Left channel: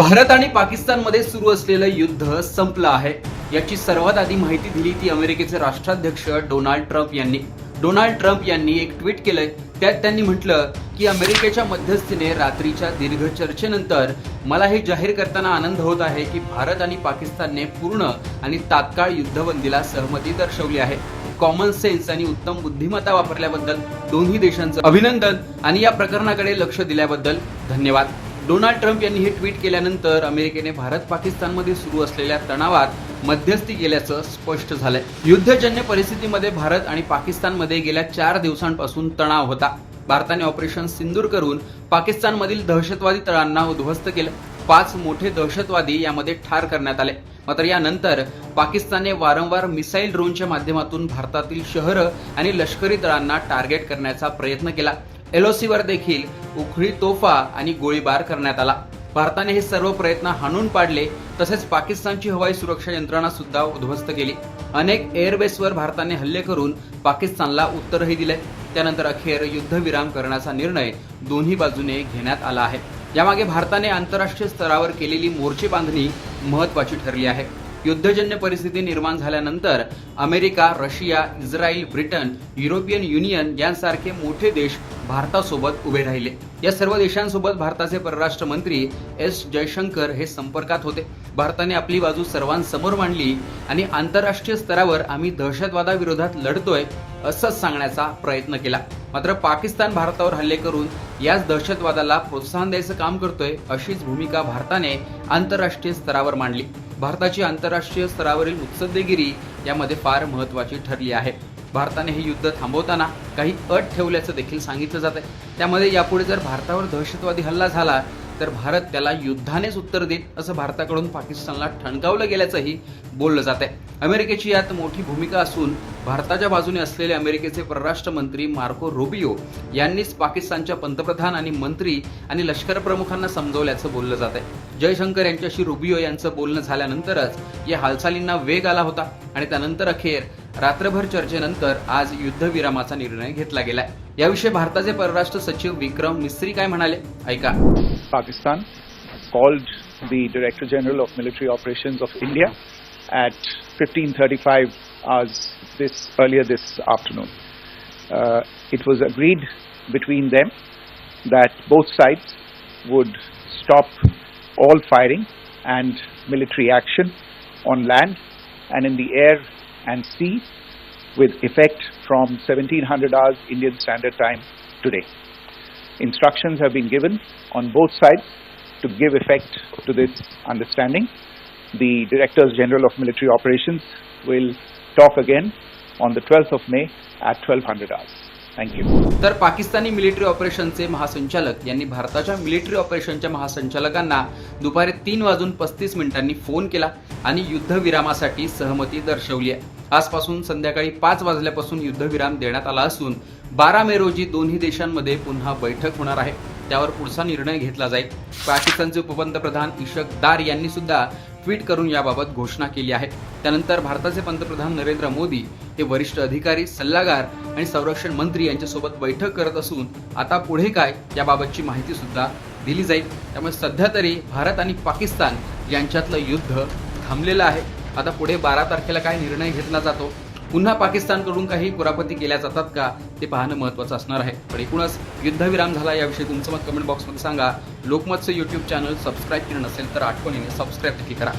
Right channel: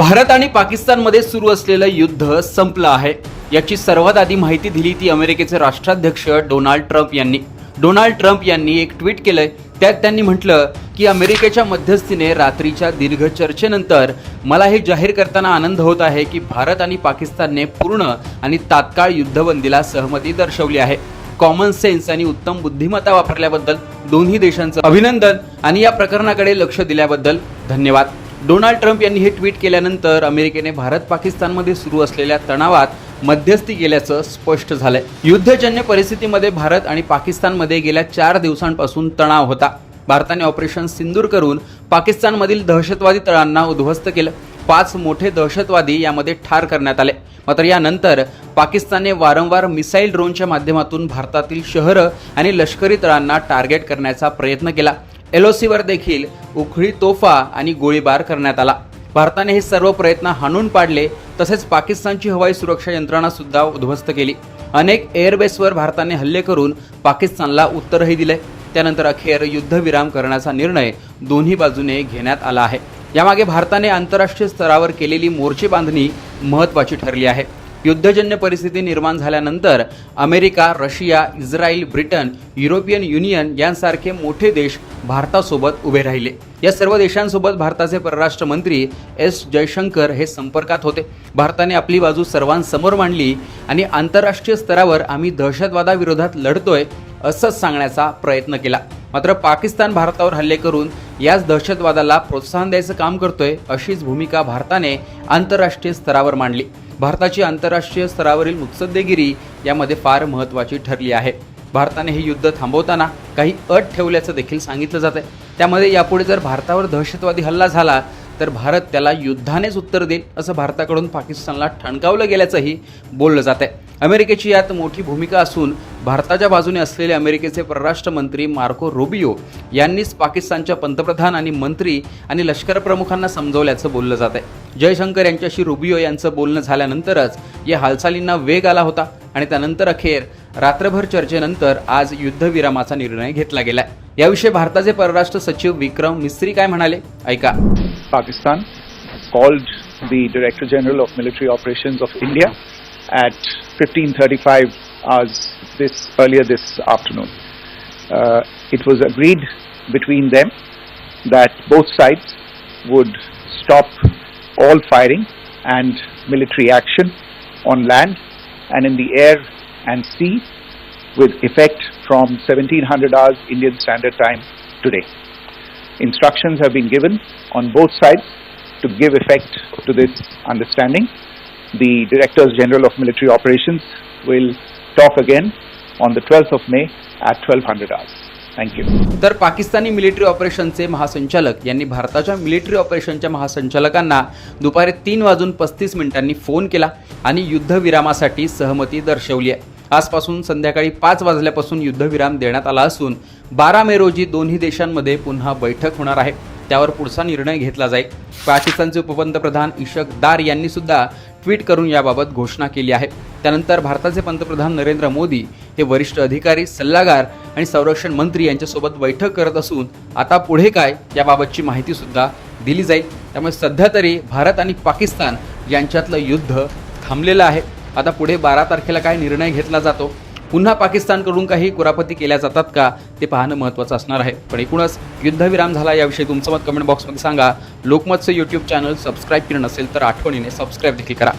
भारत आणि पाकिस्तानमध्ये सुरू असलेलं युद्ध संपलं आहे. याची सर्वात आधी माहिती दिली ती अमेरिकेचे राष्ट्राध्यक्ष डोनाल्ड ट्रम्प यांनी. डोनाल्ड ट्रम्प यांनी एक ट्विट केलंय. त्यात त्यांनी म्हटलं की अमेरिकेच्या मध्यस्थीने रात्रीच्या दीर्घ चर्चेनंतर मला हे जाहीर करताना आनंद होत आहे की भारत आणि पाकिस्तानने पूर्ण आणि तात्काळ युद्धबंदीला सहमती दर्शवली आहे. कॉमन सेन्स आणि उत्तम बुद्धिमत्ता वापरल्याबद्दल दोन्ही देशांचं अभिनंदन आणि या प्रकरणाकडे लक्ष दिल्याबद्दल धन्यवाद. डोनाल्ड ट्रम्प यांनी हे ट्विट केल्यानंतर अमेरिकेने भारत पाकिस्तानमध्ये सुरू असलेल्या तणावात मध्यस्थी केल्याचं स्पष्ट झालंय. युद्धजन्य परिस्थितीमध्ये भारत आणि पाकिस्तानमध्ये गेल्या चार दिवसांपासून तणाव होता. भारताने ऑपरेशन सिंदूर करून पाकिस्तानमधील दहशतवादी तळांना उद्ध्वस्त केलं. पाच मोठे दहशतवादी यामध्ये ठार करण्यात आले. मात्र यानंतर पाकिस्तानने वारंवार मिसाईल ड्रोनच्या माध्यमातून भारतातील शहरं आणि लष्करी तळांना टार्गेट करण्याचा प्रयत्न केला. एलओसीवर देखील उखळी तोफा आणि गोळीबार करण्यात आला. भारताने हे सर्व प्रयत्न हाणून पाडले तसेच पाकिस्तानची हवाई सुरक्षा यंत्रणा सुद्धा उद्ध्वस्त केली. अनेक एअरबेसवर भारताने हल्ले करून पाकिस्तानला उत्तरही दिले. त्यानंतर अखेर युद्धविराम करण्याचा निर्णय दोन्ही बाजूने घेण्यात आला आहे. यामागे भारताने आंतरराष्ट्रीय स्तरावर केलेली मोर्चे बांधणी महत्वाची ठरली आहे. युद्धजन्य परिस्थिती निर्माण झाल्यानंतर America Russia Israel Britain European Union यांसारखे मोठे देश भारतासोबत उभे राहिले. या सर्व देशांसोबत भारताचे परराष्ट्र मंत्री एस जयशंकर हे संपर्कात होते. भारताने आपली बाजू सर्वांसमोर मांडली आणि आंतरराष्ट्रीय स्तरावर आम्ही दहशतवादाविरोधात लढतोय असंच सांगण्याचा प्रयत्न केला. मात्र पाकिस्तान भारतावर हल्ले करून याच दहशतवादाला प्रोत्साहन द्यायचं काम करतोय अशीच भूमिका भारताने आंतरराष्ट्रीय स्तरावर मांडली. भारताची आंतरराष्ट्रीय स्तरावरील मुत्सद्देगिरी यामध्ये फार महत्त्वाची ठरली आहे. भारताने हे युद्ध थांबवताना काही अट ठेवल्याचं देखील सांगितलं जात आहे त्यामध्ये यापुढे जर भारतावर दहशतवादी हल्ला झाला तर भारत त्याला युद्धानेच उत्तर देईल असं भारताकडून पाकिस्तानला ठणकावलं गेल्याचंही बोललं जात आहे अमेरिकेची यात मोठी भूमिका असून भारताच्या बाजूने असलेले अमेरिकेचे परराष्ट्र मंत्री मार्को रुबियो यांनीच पाकिस्तानच्या पंतप्रधान आणि मंत्री आणि लष्कर प्रमुखांना समजवल्याचं बोललं जात आहे. जयशंकर यांच्याशी रुबियो यांचं बोलणं झाल्यानंतरच या हालचालींना वेग आला होता आणि त्यानंतर अखेर रात्रभर चर्चेनंतर आज युद्धविरामाचा निर्णय घेतला गेलाय. याविषयी भारताचे परराष्ट्र सचिव विक्रम मिस्त्री काय म्हणाले? ऐका. Pakistan called the director general of military Operations of India at 15:35 hours this earlier this afternoon. Uh, it was agreed between them that both sides would stop all firing and military action on land and in the air and sea with effect from 1700 hours Indian Standard Time today. Instructions have been given on both sides to give effect to this understanding. The Directors General of Military Operations will talk again on the 12th of May at 1200 hours. Thank you. तर Pakistani military ऑपरेशनचे महासंचालक यांनी भारताच्या military ऑपरेशनच्या महासंचालकांना दुपारी तीन वाजून पस्तीस मिनिटांनी फोन केला आणि युद्धविरामासाठी सहमती दर्शवली आहे आजपासून संध्याकाळी पाच वाजल्यापासून युद्धविराम देण्यात आला असून बारा मे रोजी दोन्ही देशांमध्ये पुन्हा बैठक होणार आहे त्यावर पुढचा निर्णय घेतला जाईल पाकिस्तानचे उपपंतप्रधान इशक दार यांनी सुद्धा ट्विट करून याबाबत घोषणा केली आहे. त्यानंतर भारताचे पंतप्रधान नरेंद्र मोदी हे वरिष्ठ अधिकारी सल्लागार आणि संरक्षण मंत्री यांच्यासोबत बैठक करत असून आता पुढे काय याबाबतची माहिती सुद्धा दिली जाईल. त्यामुळे सध्या तरी भारत आणि पाकिस्तान यांच्यातलं युद्ध थांबलेलं आहे. आता पुढे बारा तारखेला काय निर्णय घेतला जातो पुन्हा पाकिस्तानकडून काही कुरापती केल्या जातात का ते पाहणं महत्त्वाचं असणार आहे. पण एकूणच युद्धविराम झाला याविषयी तुमचं मत कमेंट बॉक्समध्ये सांगा. लोकमतचं यूट्यूब चॅनल सबस्क्राईब केलं नसेल तर आठवणीने सबस्क्राईब देखील करा.